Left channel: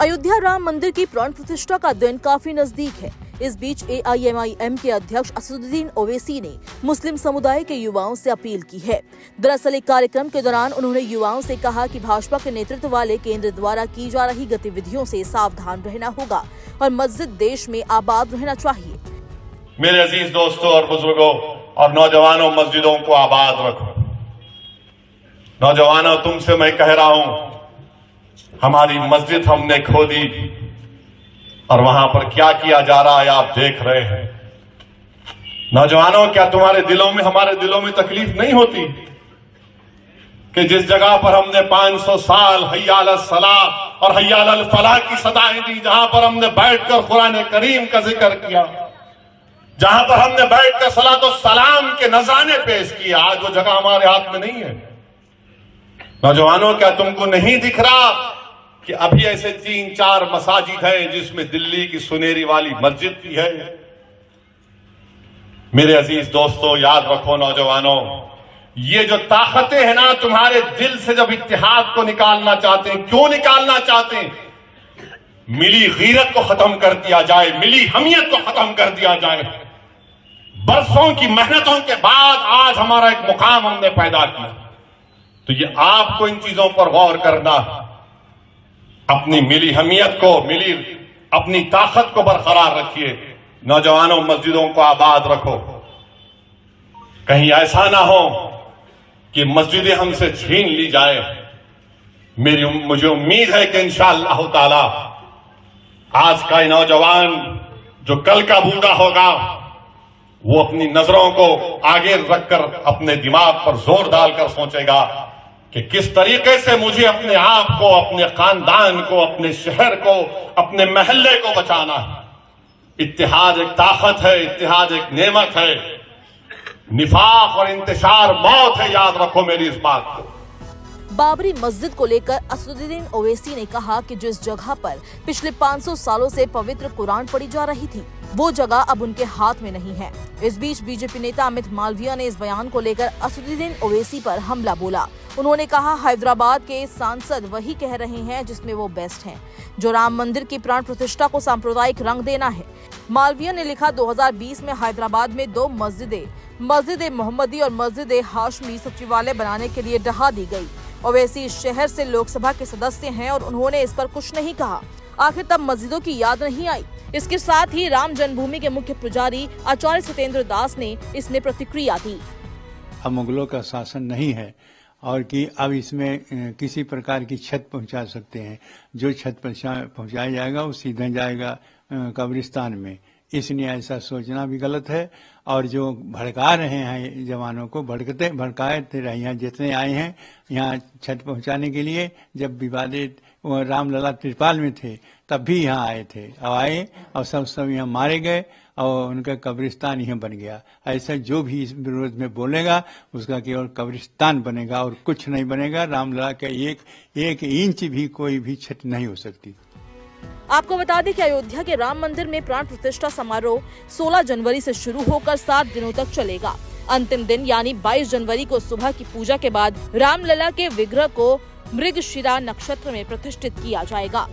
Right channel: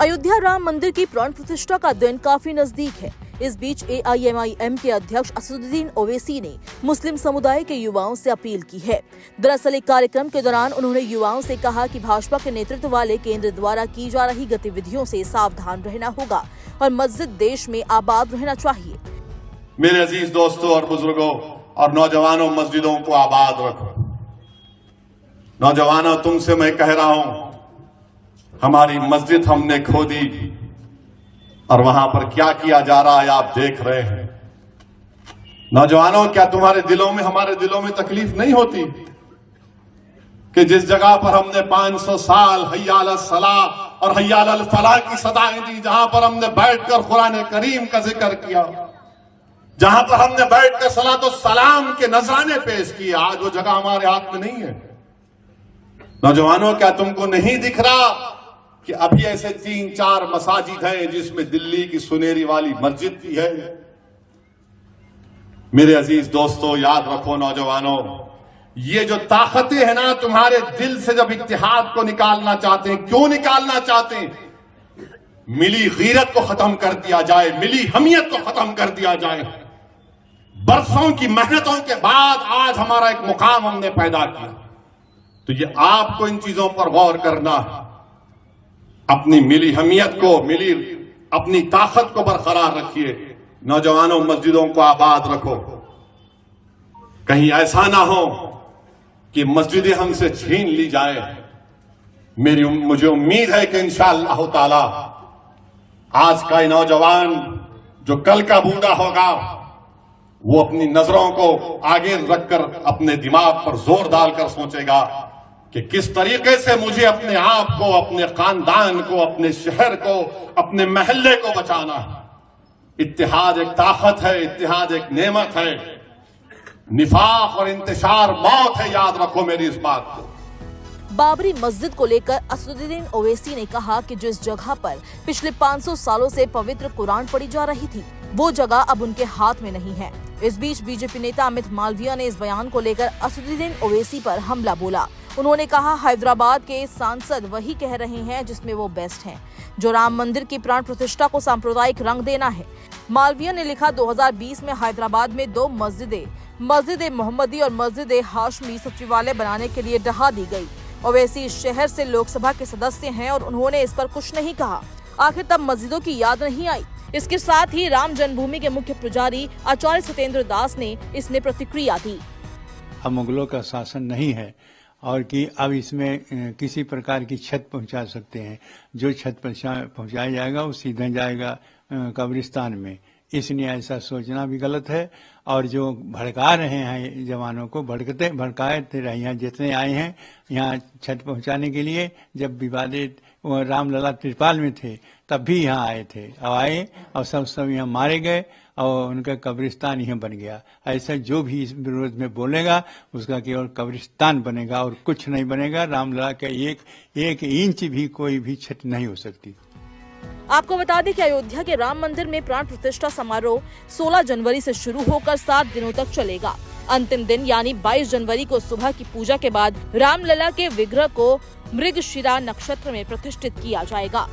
अयोध्या राम मंदिर की प्राण प्रतिष्ठा का दिन काफी नजदीक है। इस बीच AIMIM के अध्यक्ष असदुद्दीन ओवैसी ने मुस्लिम समुदाय के युवाओं से अपील की है। दरअसल एक कार्यक्रम के दौरान उन्होंने युवाओं से कहा कि भाजपा के नेतृत्व वाले केंद्र द्वारा की जा रही गतिविधियों से सावधान रहना होगा और मस्जिद देश में आबाद रहना चाहिए। मेरे अजीज दोस्तों और बुजुर्गों और नौजवानों, मस्जिदों को आबाद रखो। नौजवानों, तुमसे मैं कह रहा हूं, हमारी मस्जिद हमने खो दी और वहां पर क्या किया जा रहा है आप देख रहे हैं। नौजवानों, क्या तुम्हारे दिलों में, हमारे दिलों में तकलीफ नहीं होती कि जिस जगह पर हमने 500 साल हय्या अल सलाह और हय्या अल फलाह की सदाएं दी, जहां पर हमने बैठकर कुरान करीम का जिक्र किया, जहां पर हमने बैठकर सलात और सलाम के नजराने पेश किए, आज वो जगह हमारे हाथ में नहीं है। नौजवानों, क्या तुमको नहीं दिख रहा कि अभी ऐसे 3-4 मसाजिद हैं जिसमें दिल्ली की सुनेरी वाली मस्जिद भी है। मेरे अजीज दोस्तों, याद रखो नौजवानों, ये जो ताकतें हैं ना तुम्हारे दिल से, जब इत्तेहाद को निकालना चाहते हैं, क्यों निकालना चाहते हैं? मिली गीरत को खत्म कर दिया जाए, मिली हमियत को खत्म कर दिया जाए। बरसों की मेहनतों के बाद आज हमारा एक मुकाम हमने पैदा किया, तो ये आपको इन चीजों पर गौर करना, अपनी मिली हमियत को, मिली अपनी ताकत को बरकरार रखिए। नौजवानों, मस्जिदों को आबाद रखो। कहीं ऐसा ना हो कि मस्जिदें हमसे छीन ली जाए। मुझे उम्मीद है कि इंशाअल्लाह ताला आज का नौजवान जो कल का बूढ़ा होगा, वो अपनी नजरों को आगे रखकर अपने दिमाग पर जोर डालकर सोचेगा कि किस तरीके से मुझे अपने आप को, अपने खानदान को, अपने शहर को, अपने महल्ले को बचाना है। इत्तेहाद एक ताकत है, इत्तेहाद एक नेमत है। निफाक और इंतशार मौत है, याद रखो मेरी इस बात को। बाबरी मस्जिद को लेकर असदुद्दीन ओवैसी ने कहा कि जिस जगह पर पिछले 500 सालों से पवित्र कुरान पढ़ी जा रही थी, वो जगह अब उनके हाथ में नहीं है। इस बीच बीजेपी नेता अमित मालविया ने इस बयान को लेकर असदुद्दीन ओवैसी पर हमला बोला। उन्होंने कहा, हैदराबाद के सांसद वही कह रहे हैं जिसमें वो बेस्ट हैं, जो राम मंदिर की प्राण प्रतिष्ठा को सांप्रदायिक रंग देना है। मालविया ने लिखा, 2020 में हैदराबाद में 2 मस्जिदें, मस्जिद मोहम्मदी और मस्जिद हाशमी सचिवालय बनाने के लिए ढहा दी गई। ओवैसी इस शहर से लोकसभा के सदस्य हैं और उन्होंने इस पर कुछ नहीं कहा। आखिर तब मस्जिदों की याद नहीं आई। इसके साथ ही राम जन्मभूमि के मुख्य पुजारी आचार्य सत्येंद्र दास ने इसमें प्रतिक्रिया दी। अब मुगलों का शासन नहीं है और कि अब इसमें किसी प्रकार की क्षत पहुंचा सकते हैं। जो क्षत पहुंचाया जाएगा वो सीधे जाएगा कब्रिस्तान में। इसलिए ऐसा सोचना भी गलत है। और जो भड़का रहे हैं जवानों को, भड़काए थे यहाँ जितने आए हैं यहाँ क्षत पहुंचाने के लिए, जब विवादित रामलला त्रिपाल में थे तब भी यहाँ आए थे। अब आए और सब यहाँ मारे गए और उनका कब्रिस्तान यहाँ बन गया। ऐसा जो भी इस विरोध में बोलेगा उसका केवल कब्रिस्तान बनेगा और कुछ नहीं बनेगा। रामलला का एक इंच भी कोई भी क्षत नहीं हो सकती। आपको बता दें कि अयोध्या के राम मंदिर में प्राण प्रतिष्ठा समारोह 16 जनवरी से शुरू होकर 7 दिनों तक चलेगा। अंतिम दिन यानी 22 जनवरी को सुबह की पूजा के बाद रामलला के विग्रह को मृगशिरा नक्षत्र में प्रतिष्ठित किया जाएगा।